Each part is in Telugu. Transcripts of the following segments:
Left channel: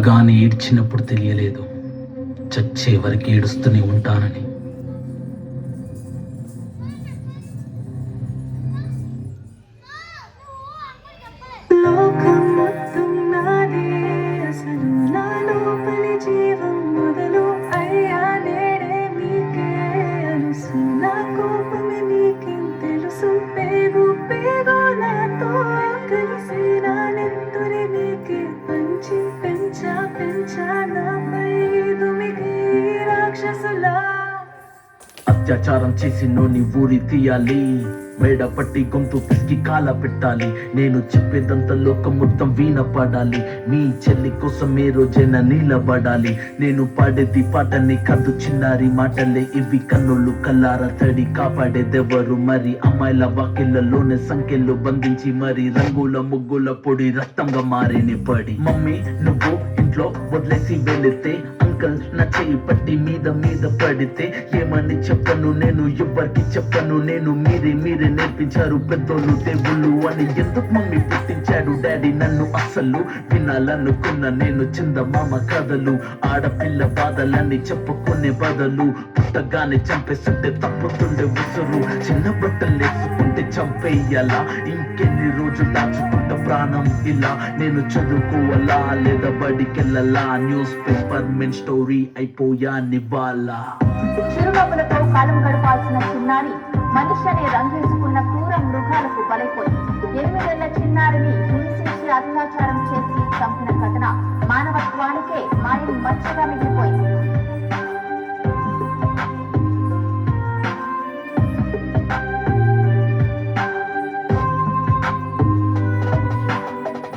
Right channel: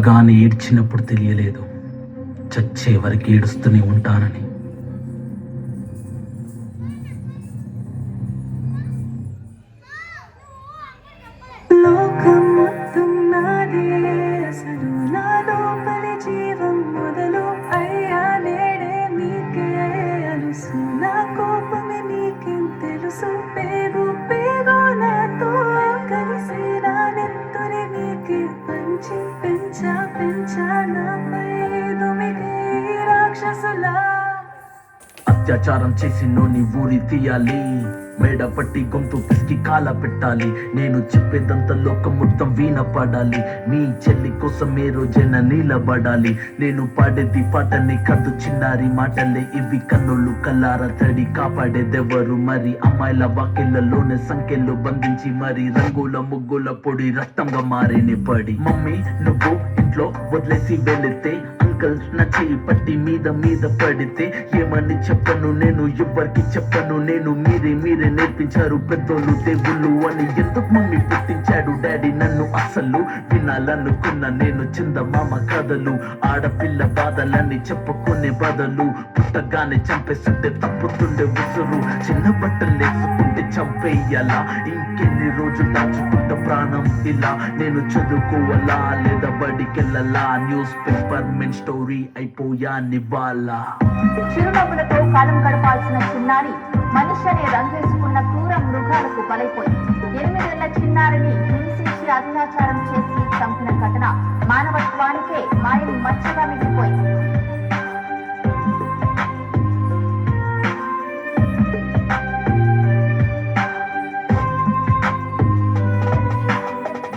పుట్టగానే ఏడ్చినప్పుడు తెలియలేదు, చచ్చే వరకు ఏడుస్తూనే ఉంటానని. లోకం మొత్తం నాదే, అసలు నా లోపలి జీవం మొదలు అయ్యా నేడే నీకే అలుసు. నా కోపమే నీకేం తెలుసు, పేగు పేగు నాతో కలిసి నా నెత్తురి నీకే పంచి పెంచా పెంచా నాపై దుమికి రాక్షసులా. అత్యాచారం చేసి నోని ఊరి తీయాలి, మేడ పట్టి గొంతు పిసికి కాల పెట్టాలి. నేను చెప్పేదంతా లోకం మొత్తం వీణ పడాలి, మీ చెల్లి కోసం ఏ రోజైనా నిలబడాలి. నేను పాడేది పాటని కాదు చిన్నారి మాటలే ఇవి, కన్నులు కల్లార తడి కాపాడేదెవరు మరి. అమ్మాయిల వాకిళ్లలోనే సంఖ్యలు బంధించి మరి, రంగుల ముగ్గుల పొడి రక్తంగా మారిని పడి. మమ్మీ నువ్వు ఇంట్లో వదిలేసి వెళితే, అంకల్ నా చెయ్యి పట్టి మీద మీద పడితే ఏమని చెప్పను నేను, ఎవరికి చెప్పను నేను. మీరే మీరే నేర్పించారు పెద్దోళ్ళు దేవుళ్ళు అని. ఎందుకు మమ్మీ పుట్టించాడు డాడీ నన్ను, అసలు వినాలనుకున్న నేను చందమామ కథలు. ఆడపిల్ల బాధలన్నీ చెప్పుకునే బదులు, పుట్టగానే చంపేస్తుంటే తప్పుతుండే ఉసురు. చిన్న బట్టలు వేసుకుంటే చంపేయాలా, ఇంకెన్ని రోజులు దాచుకుంటా ప్రాణం ఇలా. నేను చదువుకోవాలా లేదా బడికెళ్ళాలా, న్యూస్ పేపర్ మెన్ స్టోరీ అయిపోయా నివాలా. చిరునవ్వులతో కాలం గడపాల్సిన చిన్నారి మనుషులనే రంగేసుకున్న క్రూర మృగాలకు బలైపోయింది. 8 ఏళ్ల చిన్నారిని హింసించి అత్యాచారం చేసి చంపిన ఘటన మానవత్వానికే మాయలు మచ్చగా మిగిలిపోయింది.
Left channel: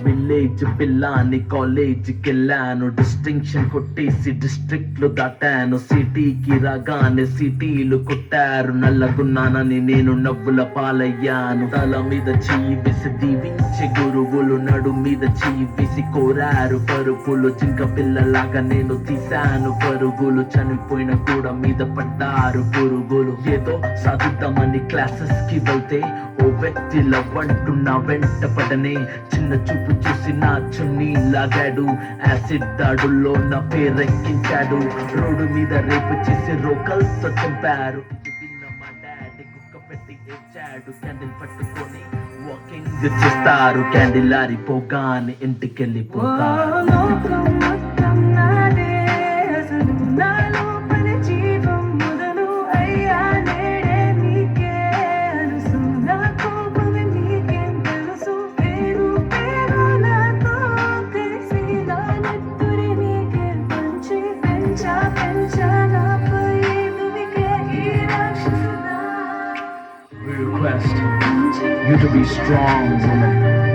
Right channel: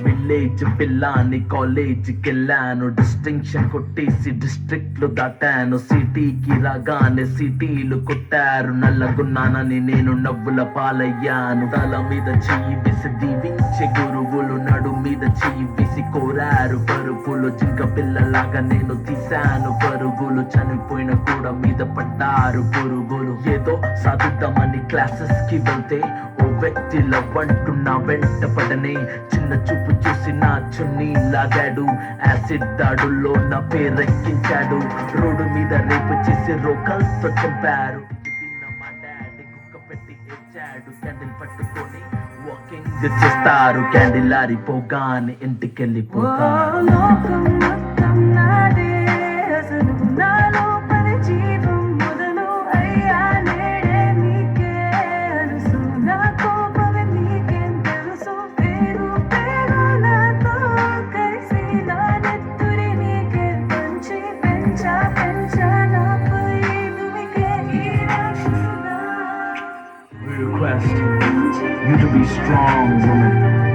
విలేజ్ పిల్లాని కాలేజీకి వెళ్ళాను, డిస్టింక్షన్ కొట్టేసి డిస్ట్రిక్ట్ లో దాటాను. సిటీకి రాగానే సిటీలు కొట్టారు, నల్లగున్నానని నేను నవ్వుల పాలయ్యాను. తల మీద చెయ్యి వేసి దీవించే గురువులు, నడు మీద చెయ్యి వేసి కోరారు పరుపులు. జింక పిల్లలాగా నేను తీశాను పరుగులు, చనిపోయిన కూడా మీద పడ్డారు పురుగులు. ఏదో సాధిద్దామని క్లాసెస్ కి వెళ్తే ఓ వ్యక్తి లవ్వంటున్నా వెంట పడనే. చిన్న చూపు చూసి నా చున్నీ లాగాడు, యాసిడ్ దాడుల్లో నా పేరెక్కించాడు. రోడ్డు మీద రేపు చేసి రోకల్తో చంపారు. మా డాడీ కుక్క పెట్టి ఏడ్చాడు, క్యాండిల్ పట్టుకొని వాకింగ్ చేస్తారు. క్యాండిల్ ఆరిపోగానే ఇంటికెళ్ళిపోతారు. లోకం మొత్తం నాదే, అసలు నా లోపలి జీవం మొదలు అయ్యా నేడే నీకే అలుసు. నా కోపమే నీకేం తెలుసు, పేరు పేరు నాతో కలిసి నా నెత్తురి నీకే పంచి పెంచా పెంచా నాపై దుమికే ఈ రాక్షసులా. We request you to be strong, woman.